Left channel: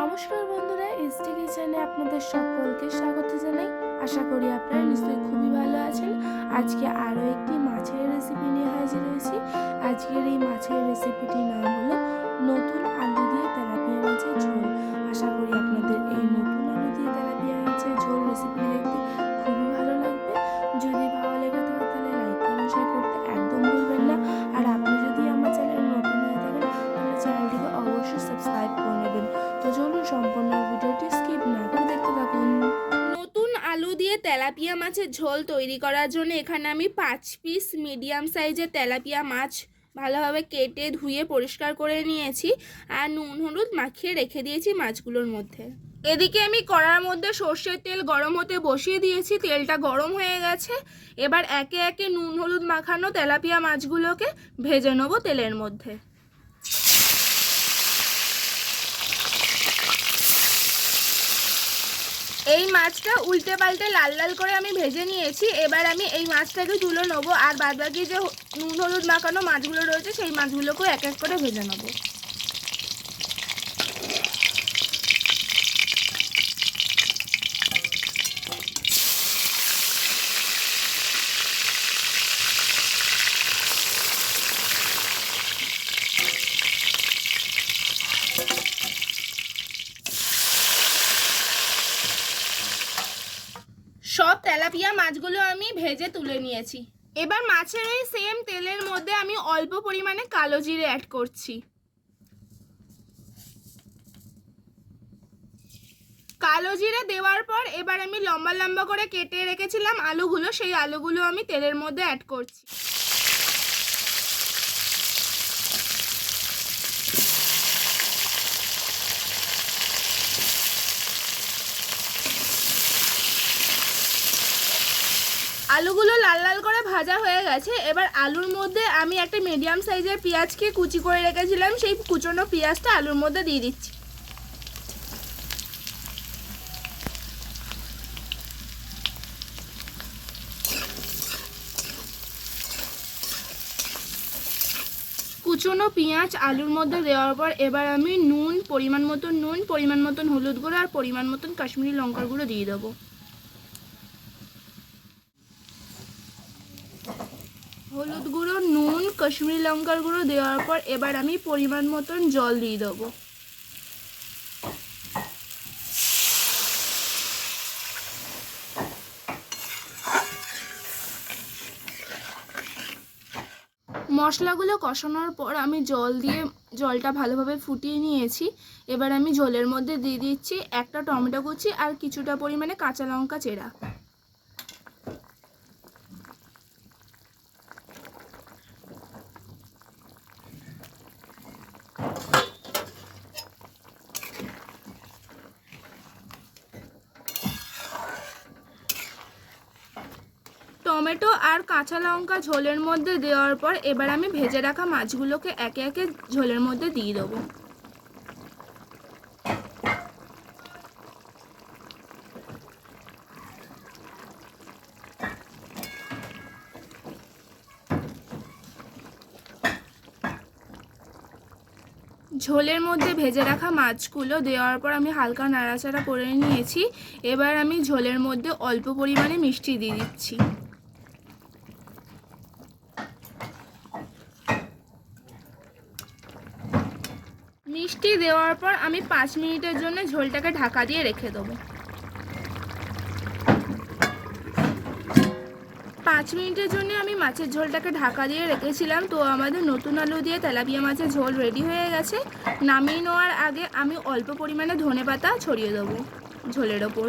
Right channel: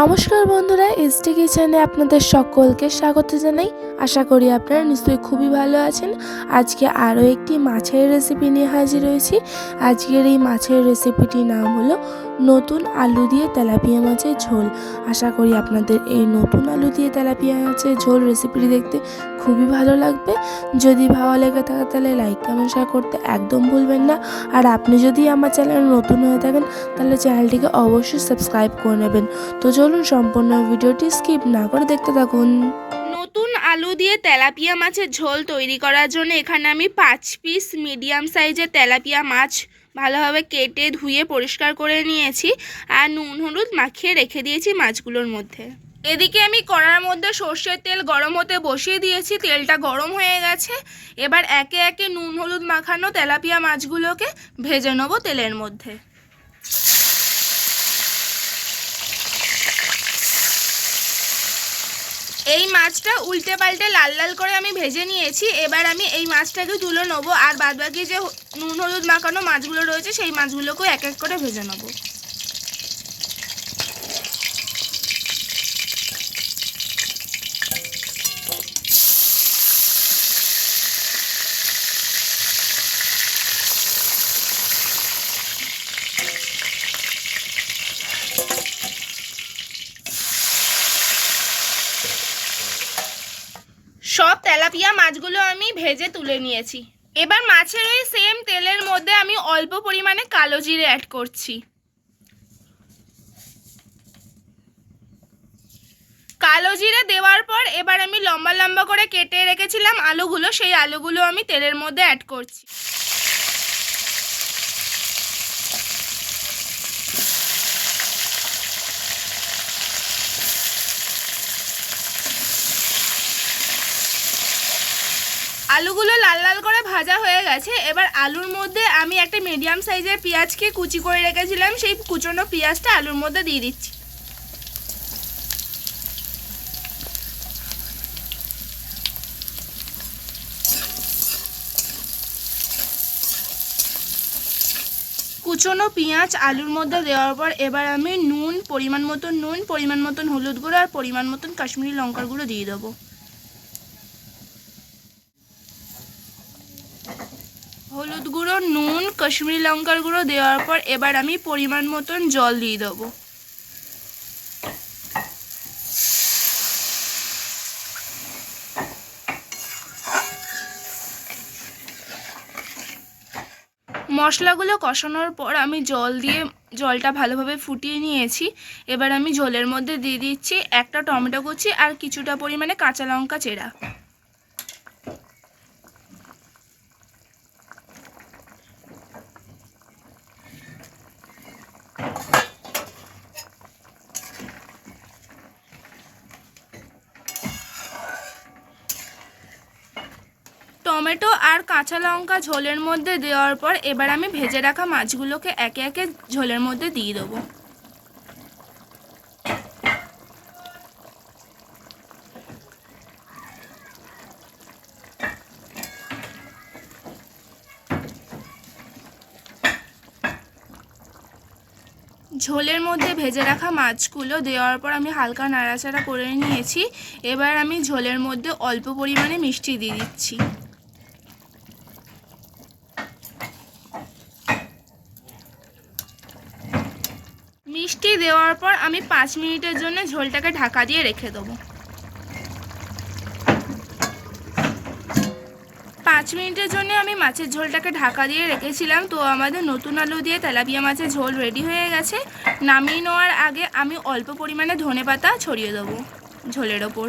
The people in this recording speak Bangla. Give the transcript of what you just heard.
নমস্কার বন্ধুরা, এসটি কিচেনে আপনাদের সকলকে স্বাগত জানাই। আশা করি আপনারা নিশ্চয়ই খুবই ভালো আছেন। আজকে আরও একটি মাছের রেসিপি নিয়ে হাজির হয়েছি। আজকের এই মাছের রেসিপিটির নাম হলো নতুন আলু দিয়ে তেলাপিয়া মাছের ঝোল। আশা করি আপনাদের এই নতুন আলু দিয়ে তেলাপিয়া মাছের ঝোল রেসিপিটি দেখতে খুবই ভালো লাগবে। যদি ভালো লেগে থাকে তাহলে লাইক কমেন্ট শেয়ার করতে একদম ভুলবেন না। আর আপনি যদি আমার চ্যানেল নতুন হয়ে থাকেন তাহলে চ্যানেলটিকে অবশ্যই সাবস্ক্রাইব করে নেবেন। তো চলুন সম্পূর্ণ ভিডিওটি স্কিপ না করে দেখতে থাকুন। নতুন আলু দিয়ে তেলাপিয়া মাছের ঝোল তৈরি করার জন্য এখানে আমি 5 পিস মিডিয়াম সাইজের তেলাপিয়া মাছ ভালোভাবে কেটে ধুয়ে পরিষ্কার করে নিয়েছি আর নুন হলুদ মাখিয়ে রেখে দিয়েছি মাছগুলোর মধ্যে। এদিকে আমি কড়ার মধ্যে সর্ষের তেল গরম হতে বসিয়ে দিয়েছি। তেলটা গরম হয়ে গেছে। এবার একে একে নুন হলুদ মাখানো তেলাপিয়া মাছগুলোকে ভেজে নেব তেলের মধ্যে। এই মাছটা উল্টে পাল্টে লাল লাল করে আমি ভেজে নিয়েছি। এবার আমি এই মাছটাকে তুলে নেবো আর বাদবাকি যে নুন হলুদ মাখানো মাছগুলো রয়েছে সেই মাছগুলোকেও এক এক করে ভেজে নেবো। সব তেলাপিয়া মাছগুলো আমি ভেজে তুলে নিয়েছি। এবার মাছের ওই সেম তেলের মধ্যে আমি অল্প পরিমাণে কালো জিরে অ্যাড করছি। কালো জিরে দেওয়ার পর এবার আমি লম্বা লম্বা করে কেটে রেখেছিলাম আলুগুলো, সেই আলুগুলো আমি তেলের মধ্যে অ্যাড করছি। আলুগুলো লাল লাল করে ভাজা হয়ে গেছে। এবার আলুর মধ্যে আমি একটা মিডিয়াম সাইজের পেঁয়াজকে কুচি করে রেখেছিলাম, সেই কুচনো পেঁয়াজটা আলুর মধ্যে দিয়ে দিচ্ছি। কুচনো পেঁয়াজ আলুর মধ্যে দেওয়ার পর এবার আমি নুন, পরিমাণ মতন হলুদ গুঁড়ো আর পরিমাণ মতন কাশ্মীরি লঙ্কার গুঁড়ো দিয়ে দেবো। হলুদ গুঁড়ো, নুন, কাশ্মীরি লঙ্কার গুঁড়ো দেওয়ার পর এবার আমি পরিমাণ মতন জল দিয়ে দেবো। মশলাগুলো কষানোর পর আমি জল দিয়ে জলটা ভালোভাবে ফুটিয়ে নিয়েছি। এবার আমি ঝোলের মধ্যে দিয়ে দিচ্ছি একটা টমেটো কুচি আর কিছুটা পরিমাণে কাঁচা লঙ্কা চেরা। টমেটো আর কাঁচা লঙ্কা ঝোলের মধ্যে দেওয়ার পর এবার আমি ভেজে রাখা মাছগুলোকে একে একে ঝোলের মধ্যে দিয়ে দেবো। ঝোলের মধ্যে ভেজে রাখা মাছগুলো দেওয়ার পর আমি হালকা নাড়াচাড়া করে নিয়েছি। এবার আমি ঝোলের মধ্যে অল্প পরিমাণে মিষ্টি দিয়ে দিচ্ছি। মিষ্টি দেওয়ার পর আমি 5 মিনিটের জন্য ঝোলটাকে ঢাকা দিয়ে রেখে দেবো। 5 মিনিটের জন্য আমি মাছের ঝোলটাকে ঢাকা দিয়ে রেখেছিলাম। তো আমাদের নতুন আলু দিয়ে তেলাপিয়া মাছের ঝোল রেডি হয়ে গেছে। নামিয়ে নেওয়ার আগে আমি অল্প পরিমাণে ধনেপাতা ছড়িয়ে দেবো ঝোলের ওপর।